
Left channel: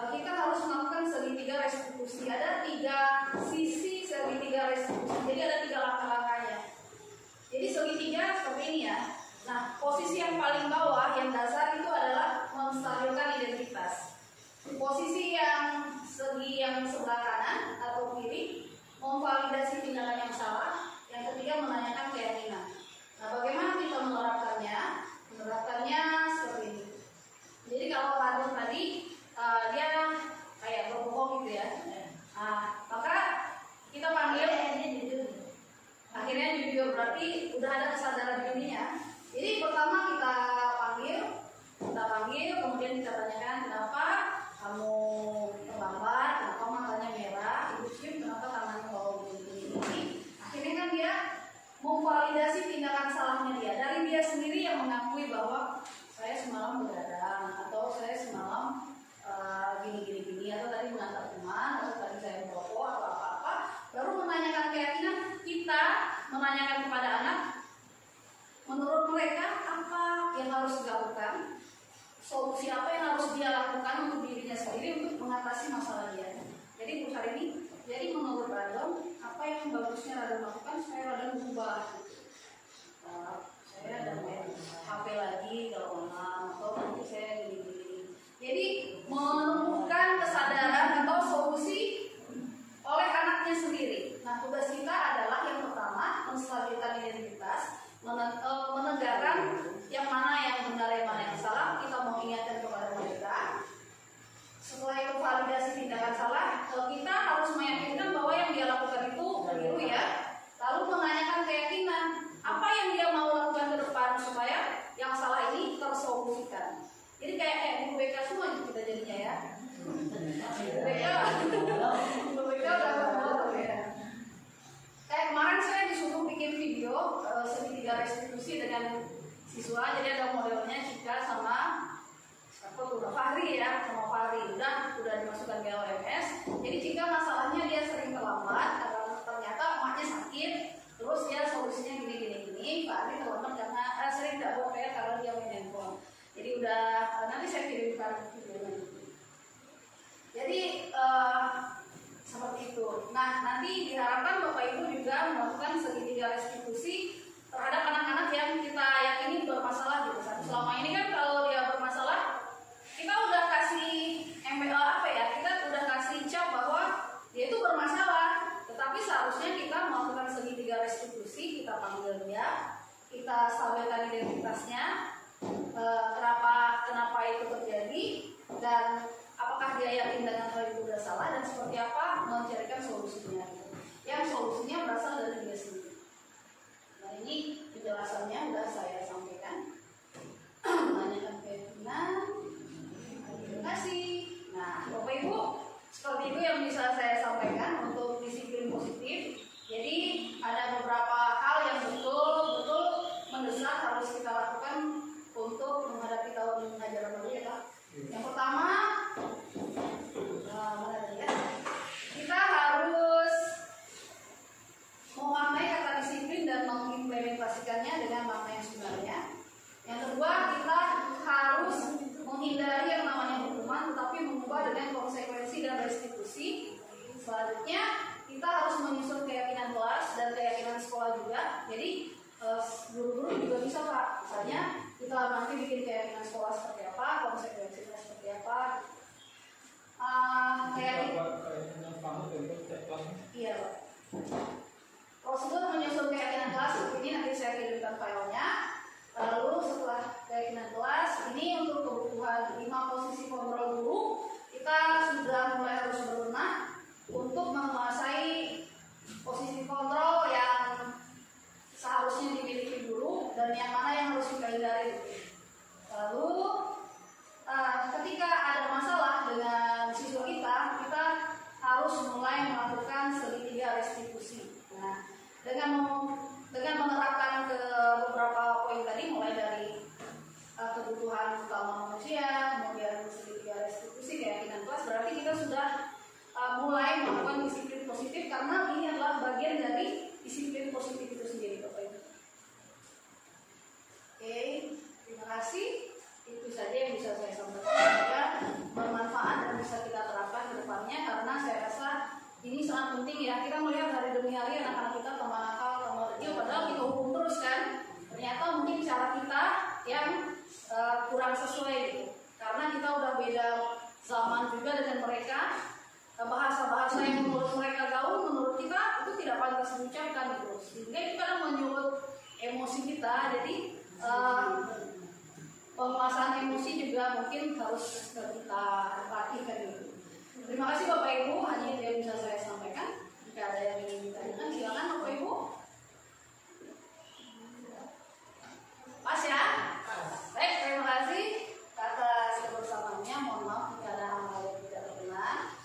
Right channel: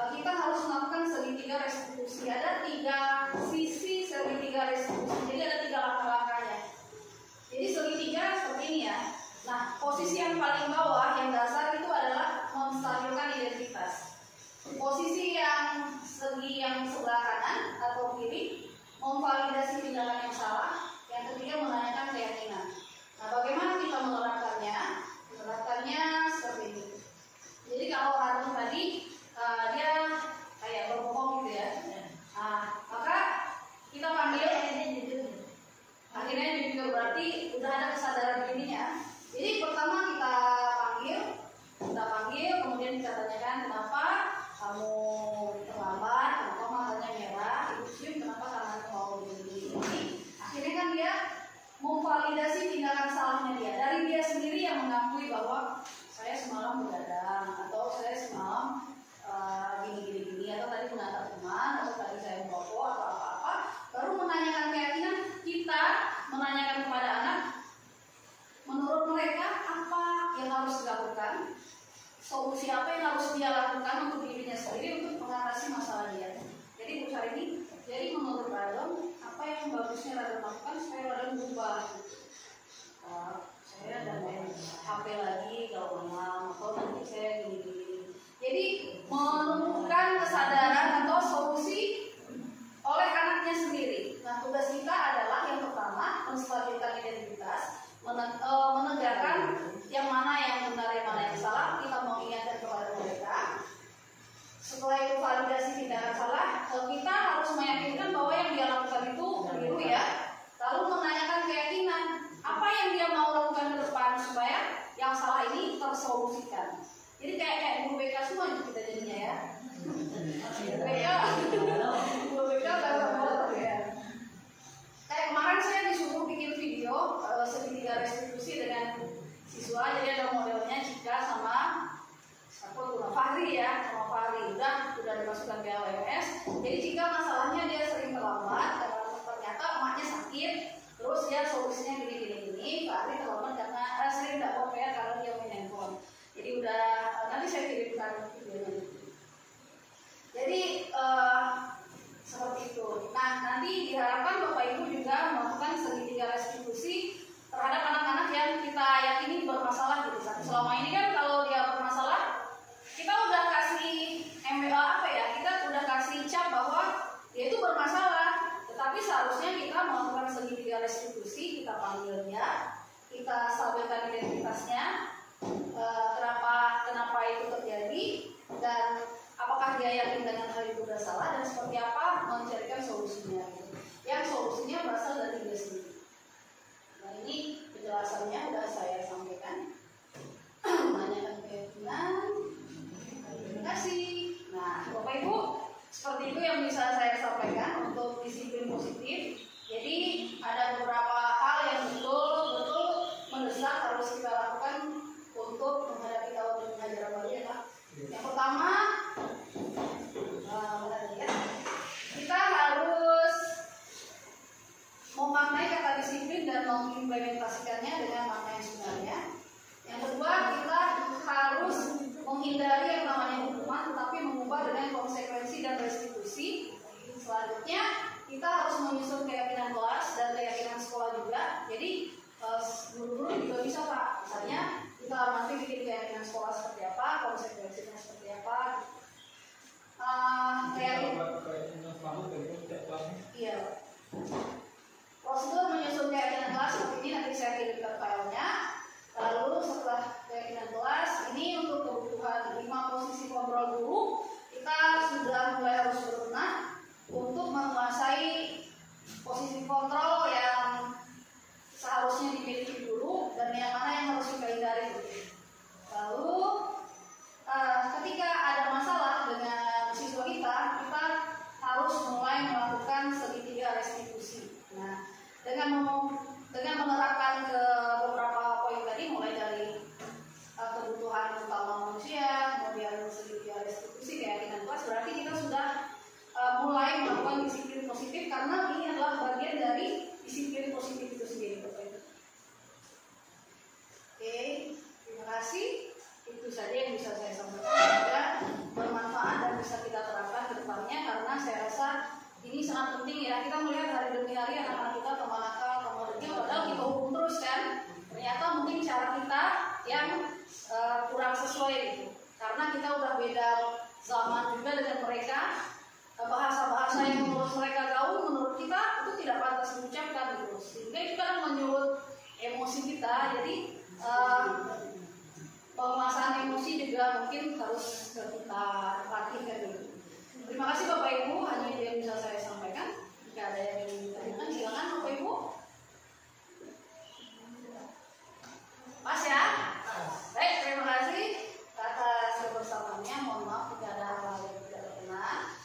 Kita harus melakukan segitiga restitusi. Ada 3 sisi segitiga segitiga restitusi. Jadi ada 3 langkah-langkahnya. Jadi segitiga seperti ini ya. Nah, posisi yang paling bawah, yang dasar itu adalah menstabilkan identitas. Posisi yang segi yang sebelah kanan atau kiri memvalidasi tindakan yang salah. Yang ketiga menanyakan keyakinan. Nah, bagaimana kita menerapkannya? Menerapkannya seperti ini. Jadi kalau Radon tadi dia kayak berbohong gitu ya. Nah, maka kita panggil, akhirnya jujur, berarti udah ada kesadaran dirinya. Jadi pertama kita panggil, kemudian kita tanyakan kenapa kamu terlambat, kenapa matanya merah, ibu cium, kenapa tangannya bau begini. Akhirnya kan dia memvalidasi tindakan salahnya dia. Dari dia sendiri yang mengakui bahwa saya semalam begadang, atau saya semalam gini, atau tadi mengantar teman, atau tadi saya merokok, atau apa-apa. Baru menanyakan keyakinan, kita menanyakan kepada anak, menurut mereka apa yang harus dilakukan, solusi apa yang harus dia lakukan untuk dirinya sendiri untuk mengatasi masalah dia. Jadi Bu Harini, jadi menurut Radon, apa yang bagusnya Radon lakukan supaya Radon berubah? Saya dan main HP lagi kalau malam, atau nanti saya gini-gini. Jadi menemukan kesadaran atau solusi oleh anaknya sendiri. Nah, tugas kita adalah yang pertama menstabilkan identitas, menegakkan yang mana yang benar, yang mana yang salah. Kita mau ingatkan kepada mereka. Setelah itu validasi tindakan salah, kita harus meyakinkan bahwa yang dia lakukan itu keliru ya. Lalu menanyakan keyakinan, apa yang dia mau lakukan ke depan supaya yang salah ini tersolusikan. Jadi kayak guru BK semua kita jadinya ya. Guru BK udah ya. Kayak kemarin saya disuruh bikin video segitiga restitusi dengan siswa. Jadi ada modelnya Cika sama Fahri ya, sama Fahri udah dimasukkan ke LMS. Jadi Cika masalahnya dia sering terlambat karena ternyata emaknya sakit. Terus ya solusinya gini. Fahri terlambat karena sering tidak bawa PR karena dia main handphone. Jadi udah nanti saya kirimkan videonya. Jadi seperti itu. Nah, nanti diharapkan Bapak Ibu juga melakukan segitiga restitusi terhadap anak-anak yang kita yakini bermasalah gitu kan. Selama ini kan kalau dia bermasalah, kita udah kasih kita udah kasih cap bahwa dia itu bermasalah. Tetapi seharusnya kita melakukan segitiga restitusi, kita panggil dia, kita stabilkan identitasnya, kenapa itu terjadi, dan apakah dia yakin dengan hal itu sudah salah, dan seperti apa mencarikan solusinya. Yang solusinya berasal dari dia sendiri. Nah, ini penjelasannya sudah saya sampaikan. Menanyakan keyakinan. Terima kasih. Nah, Bapak Ibu, seperti itu yang bisa saya sampaikan untuk disiplin positif. Jadi ada beberapa hal yang betul-betul mendesak harus kita lakukan untuk menghadapi tahun ajaran baru ya Pak. Yang pertama, kita harus memaknai kata disiplin dan mengimplementasikannya dengan makna yang sebenarnya. Yang kedua, kita harus menghindari yang namanya hukuman, tetapi mengubah dengan konsekuensi dan restitusi. Selanjutnya, kita harus menyusun keyakinan kelas dan keyakinan sekolah juga. Jadi guru-guru juga bisa Pak. Misalnya kita nanti bikin keyakinan sekolah seperti apa, konsekuensinya seperti apa. Iya. Prosedur menyusun keyakinan kelas seperti ini, nanti saya kirimkan filenya. Lalu setelah keyakinan kelas ini untuk kebutuhan 5 posisi kontrol guru, kita sudah mulai harus berbenah untuk menguasai posisi kontrol yang seharusnya dimiliki guru dan yang mana yang harus kita hindari. Lalu ketika ada masalah dengan siswa kita harus mulai melakukan segitiga restitusi. Nah, dengan menerapkan ke beberapa poin tadi, mulai dari kebutuhan utama manusia, kemudian segitiga restitusi, keyakinan kelas, berarti kita sudah mulai melakukan disiplin positif, karena ini adalah bagian dari disiplin positif itu sendiri, Bapak Ibu. Oke, terima kasih. Itu saja yang bisa saya sampaikan. Semoga bermanfaat dan bisa kita terapkan ke depannya, karena saya rasa ini sangat penting ya. Kita melihat hari demi hari cara kita yang kurang sesuai gitu. Karena kita udah beda zaman juga dengan mereka. Bahasa-bahasa yang menurut mereka gaul, menurut kita itu tidak pantas diucapkan gitu. Sehingga itu kan menyulut emosi kita. Jadi penguasaan emosi juga mungkin harus kita perhatikan gitu. Terima kasih Bapak Ibu, hanya itu yang bisa saya sampaikan. Jika ada yang ingin ditanyakan, silakan Bapak Ibu. Pas ya? Baik, terima kasih atas kebersamaannya. Mohon maaf jika ada hal yang tidak berkenan.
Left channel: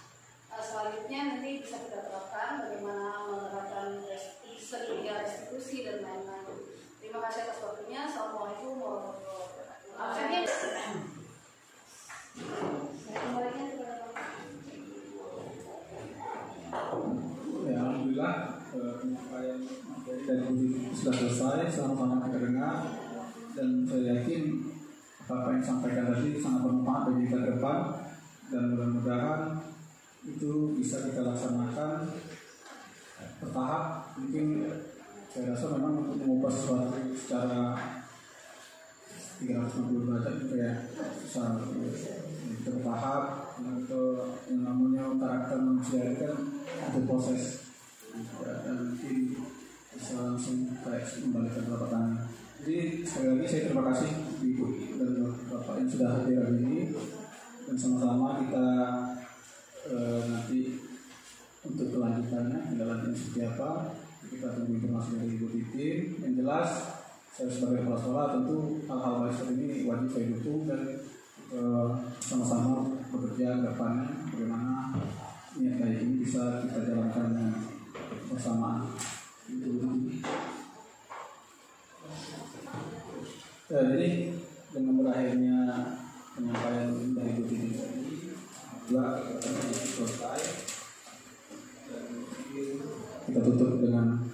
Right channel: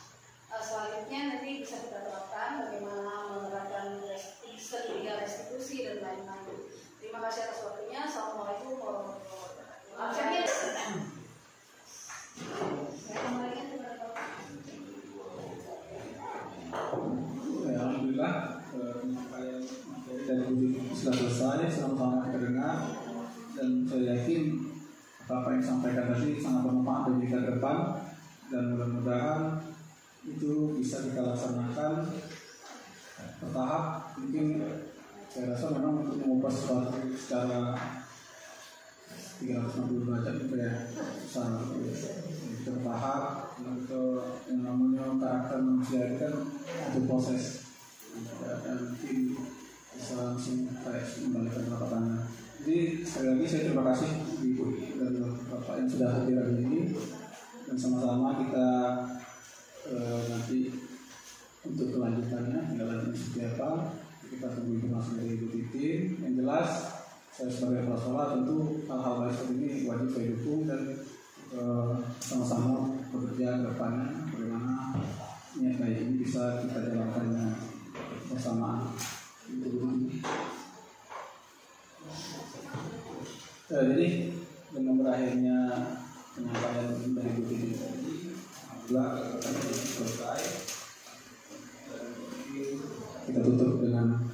Selanjutnya nanti bisa kita terapkan bagaimana menerapkan restitusi dan lain-lain. Terima kasih atas waktunya. Assalamualaikum warahmatullahi wabarakatuh. Ya, alhamdulillah kalian materi dari uji sudah selesai, sama-sama kita dengar, dan saya yakin apa yang disampaikan tadi sangat bermanfaat bagi kita ke depan, dan mudah-mudahan itu bisa kita laksanakan bertahap. Mungkin saya rasa memang untuk mengubah sesuatu secara 360 derajat itu ya susah, bertahap. Untuk yang namanya karakter manusia itu kan ada proses, dan nanti bisa langsung kayak membalikan telapak tangan. Jadi sekali lagi saya terima kasih Ibu dan Bapak yang sudah hadir hari ini, dan sama-sama kita nanti untuk kelanjutannya jalan seperti apa kita tunggu informasi dari Ibu Titin. Yang jelas saya sebagai kepala sekolah tentu hal-hal seperti ini wajib saya dukung, dan sama-sama bekerja ke depannya bagaimana niat baik ini bisa kita jalankan dengan bersamaan. Jadi dengan berakhirnya penyampaian dari Ibu Titin tadi, selesai. Kita tutup dengan